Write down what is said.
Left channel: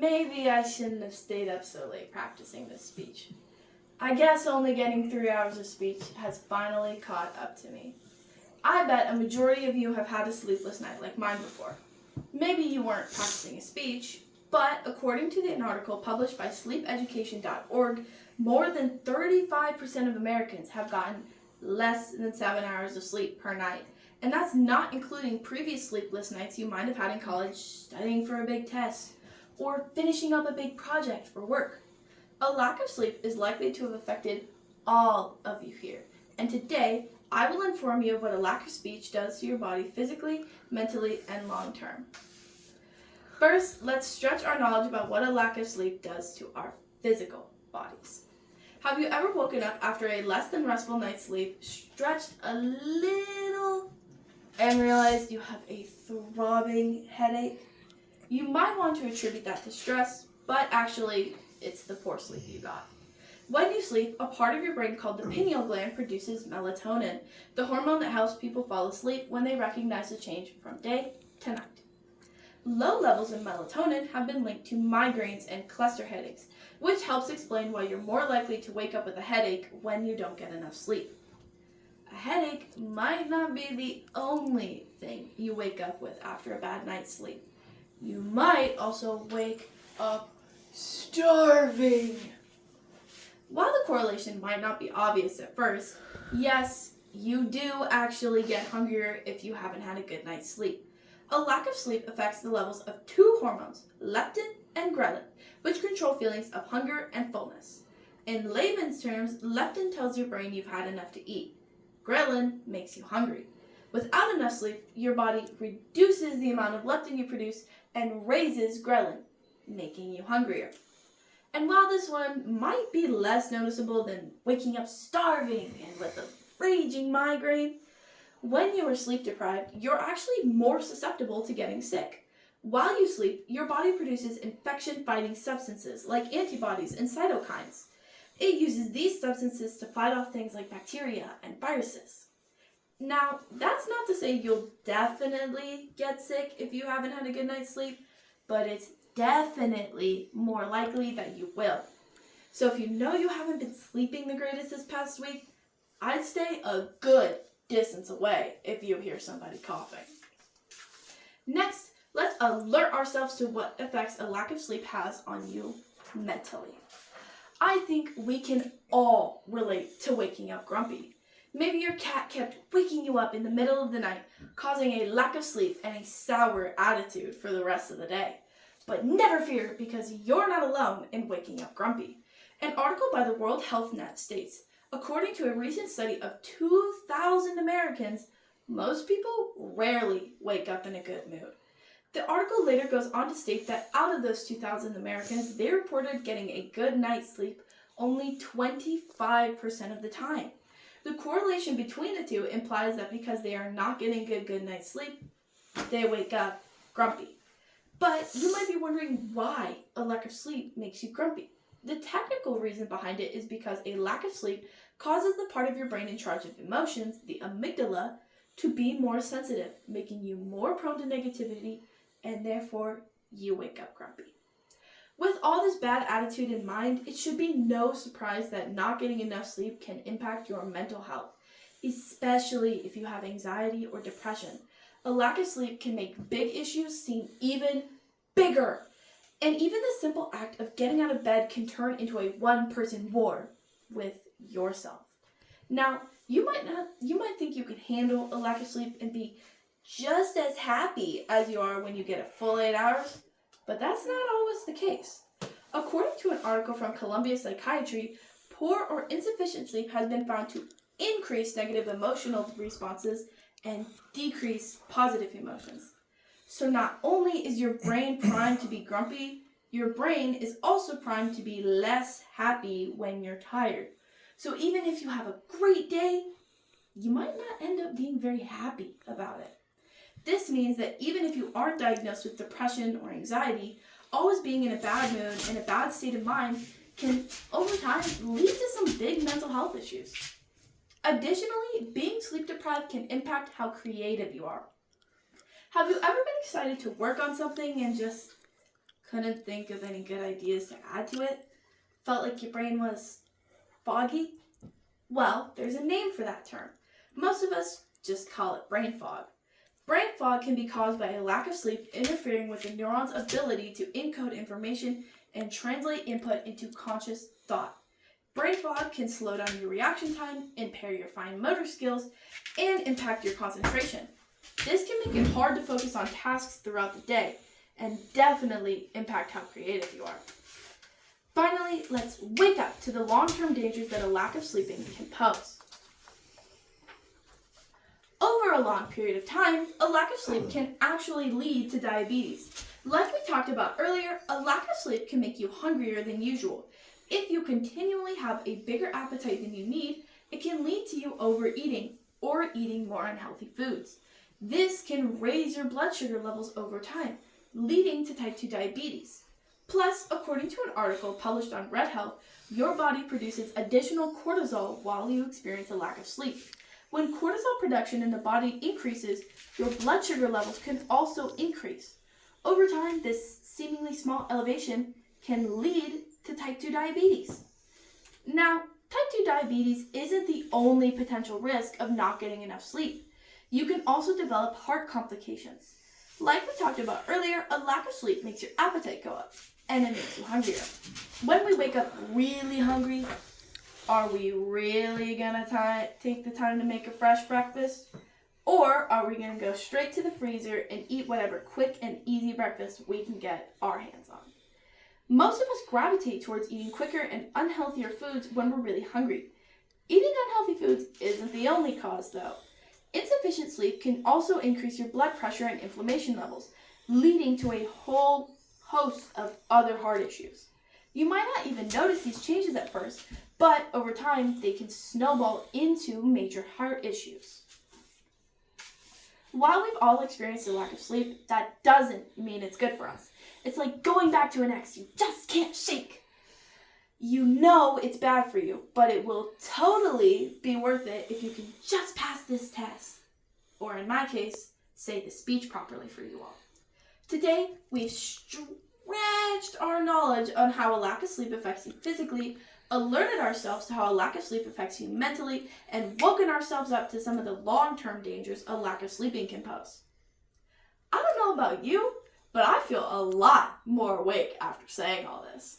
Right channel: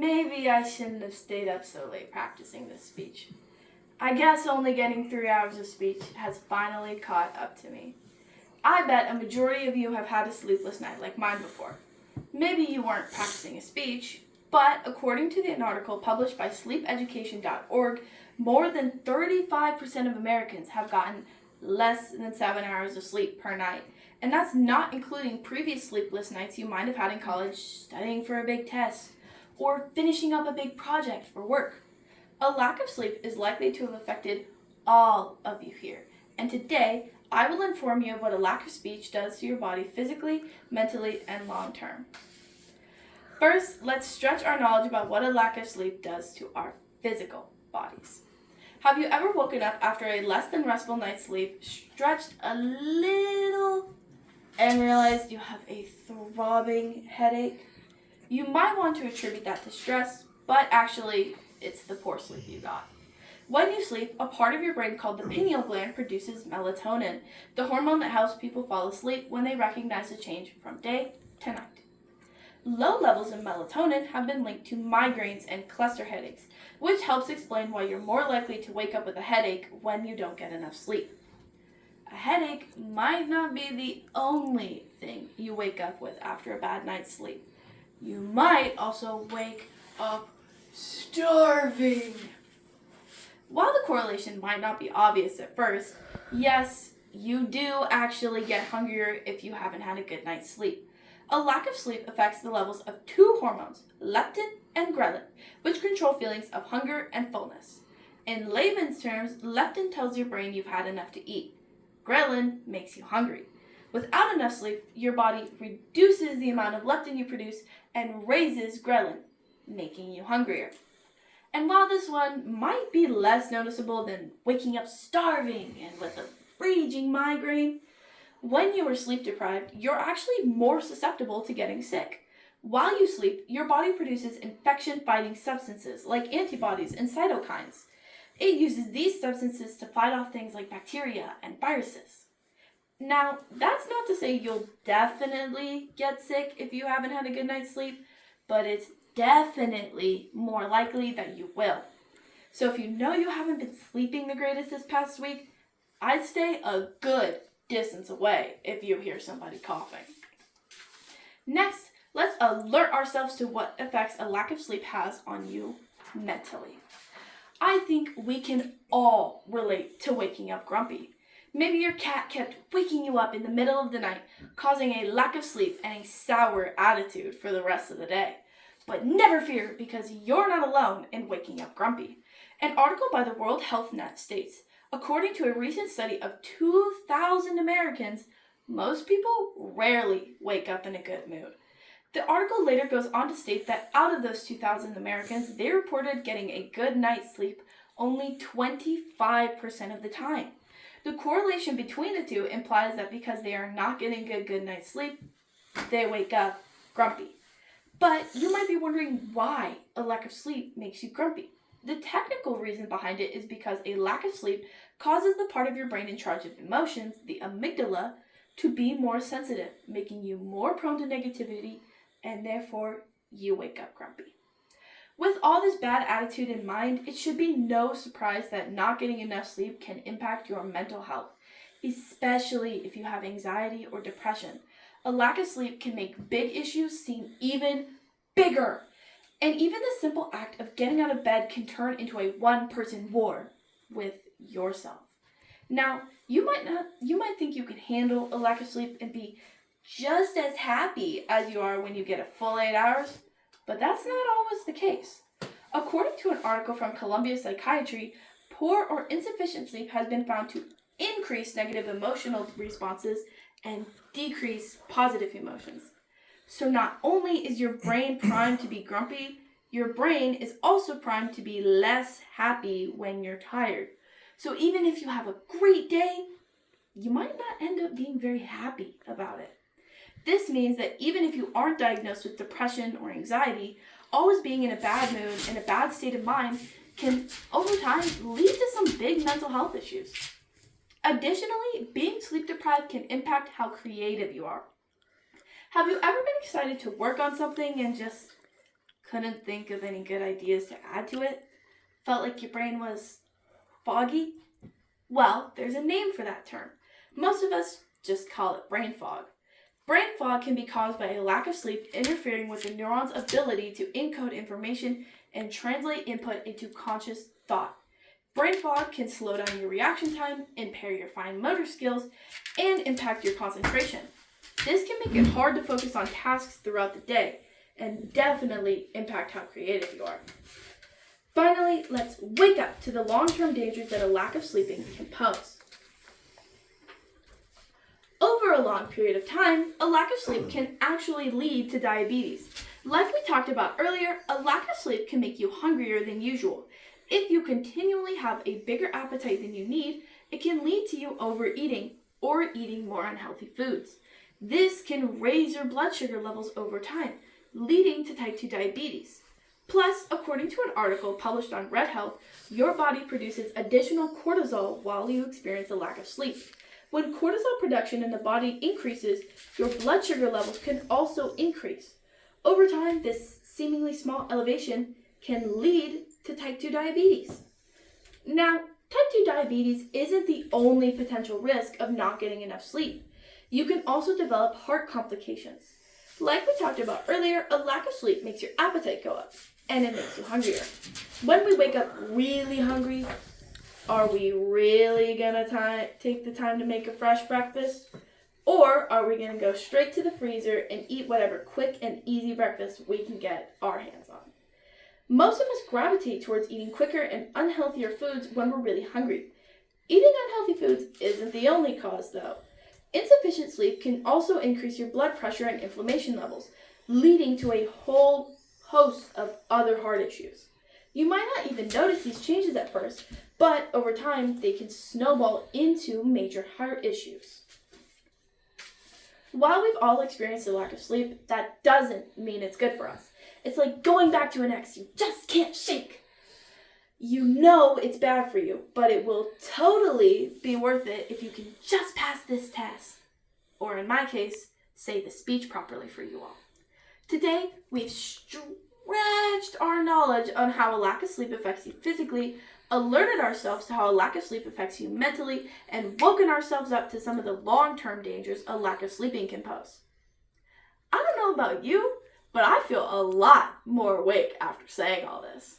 Maybe I shouldn't have stayed up so late practicing this speech. I guess only getting 3 hours of speech has finally caught up to me. I bet a majority of you have had a sleepless night like mine before. Maybe you weren't practicing a speech, but according to an article published by sleepeducation.org, more than 35% of Americans have gotten less than 7 hours of sleep per night. And that's not including previous sleepless nights you might have had in college studying for a big test or finishing up a big project for work. A lack of sleep is likely to have affected all of you here. And today, I will inform you of what a lack of speech does to your body physically, mentally, and long term. First, let's stretch our knowledge about what a lack of sleep does to our physical bodies. Have you ever woken up after a less than restful night's sleep, stretched a little, and realized you have a throbbing headache? You might want to attribute that to stress, but actually, it's the poor sleep you got. When you sleep, a part of your brain called the pineal gland produces melatonin, the hormone that helps people fall asleep when they recognize the change from day to night. Low levels of melatonin have been linked to migraines and cluster headaches, which helps explain why you're more likely to wake up with a headache when you don't get enough sleep. A headache might not be the only thing you wake up with after a bad night's sleep. You might also wake up starving. While the correlation might not be obvious at first, yes, you do actually get hungrier if you haven't had a good night's sleep. A lack of sleep affects the levels of two hormones, leptin and ghrelin, which control feelings of hunger and fullness. In layman's terms, leptin tells your brain you've had enough to eat. Ghrelin makes you hungry. Without enough sleep, your body reduces the amount of leptin you produce and raises ghrelin, making you hungrier. And while this one might be less noticeable than waking up starving and with a raging migraine, when you are sleep deprived, you're actually more susceptible to getting sick. While you sleep, your body produces infection-fighting substances like antibodies and cytokines. It uses these substances to fight off things like bacteria and viruses. Now, that's not to say you'll definitely get sick if you haven't had a good night's sleep, but it's definitely more likely that you will. So if you know you haven't been sleeping the greatest this past week, I'd stay a good distance away if you hear somebody coughing. Next, let's alert ourselves to what effects a lack of sleep has on you mentally. I think we can all relate to waking up grumpy. Maybe your cat kept waking you up in the middle of the night, causing a lack of sleep and a sour attitude for the rest of the day. But never fear, because you're not alone in waking up grumpy. An article by the World Health Net states, according to a recent study of 2,000 Americans, most people rarely wake up in a good mood. The article later goes on to state that out of those 2,000 Americans, they reported getting a good night's sleep only 25% of the time. The correlation between the two implies that because they are not getting a good night's sleep, they wake up grumpy. But you might be wondering why a lack of sleep makes you grumpy. The technical reason behind it is because a lack of sleep causes the part of your brain in charge of emotions, the amygdala, to be more sensitive, making you more prone to negativity, and therefore you wake up grumpy. With all this bad attitude in mind, it should be no surprise that not getting enough sleep can impact your mental health, especially if you have anxiety or depression. A lack of sleep can make big issues seem even bigger. And even the simple act of getting out of bed can turn into a one-person war with yourself. Now, you might think you can handle a lack of sleep and be just as happy as you are when you get a full 8 hours, but that's not always the case. According to an article from Columbia Psychiatry, poor or insufficient sleep has been found to increase negative emotional responses and decrease positive emotions. So not only is your brain primed to be grumpy, your brain is also primed to be less happy when you're tired. So even if you have a great day, you might not end up being very happy about it. This means that even if you aren't diagnosed with depression or anxiety, always being in a bad mood and a bad state of mind can, over time, lead to some big mental health issues. Additionally, being sleep deprived can impact how creative you are. Have you ever been excited to work on something and just Couldn't think of any good ideas to add to it? Felt like your brain was foggy? Well, there's a name for that term. Most of us just call it brain fog. Brain fog can be caused by a lack of sleep interfering with the neuron's ability to encode information and translate input into conscious thought. Brain fog can slow down your reaction time, impair your fine motor skills, and impact your concentration. This can make it hard to focus on tasks throughout the day, and definitely impact how creative you are. Finally, let's wake up to the long-term dangers that a lack of sleeping can pose. Over a long period of time, a lack of sleep can actually lead to diabetes. Like we talked about earlier, a lack of sleep can make you hungrier than usual. If you continually have a bigger appetite than you need, it can lead to you overeating or eating more unhealthy foods. This can raise your blood sugar levels over time, leading to type 2 diabetes. Plus, according to an article published on Red Health, your body produces additional cortisol while you experience a lack of sleep. When cortisol production in the body increases, your blood sugar levels can also increase. Over time, this seemingly small elevation can lead to type 2 diabetes. Now, type 2 diabetes isn't the only potential risk of not getting enough sleep. You can also develop heart complications. Like we talked about earlier, a lack of sleep makes your appetite go up, and it makes you hungrier. When we wake up really hungry, are we really gonna take the time to make a fresh breakfast? Or are we gonna go straight to the freezer and eat whatever quick and easy breakfast we can get our hands on? Most of us gravitate towards eating quicker and unhealthier foods when we're really hungry. Eating unhealthy foods isn't the only cause, though. Insufficient sleep can also increase your blood pressure and inflammation levels, leading to a whole host of other heart issues. You might not even notice these changes at first, but over time, they can snowball into major heart issues. While we've all experienced a lack of sleep, that doesn't mean it's good for us. It's like going back to an ex you just can't shake. You know it's bad for you, but it will totally be worth it if you can just pass this test. Or in my case, say the speech properly for you all. Today, we've stretched our knowledge on how a lack of sleep affects you physically, alerted ourselves to how a lack of sleep affects you mentally, and woken ourselves up to some of the long-term dangers a lack of sleeping can pose. I don't know about you, but I feel a lot more awake after saying all this.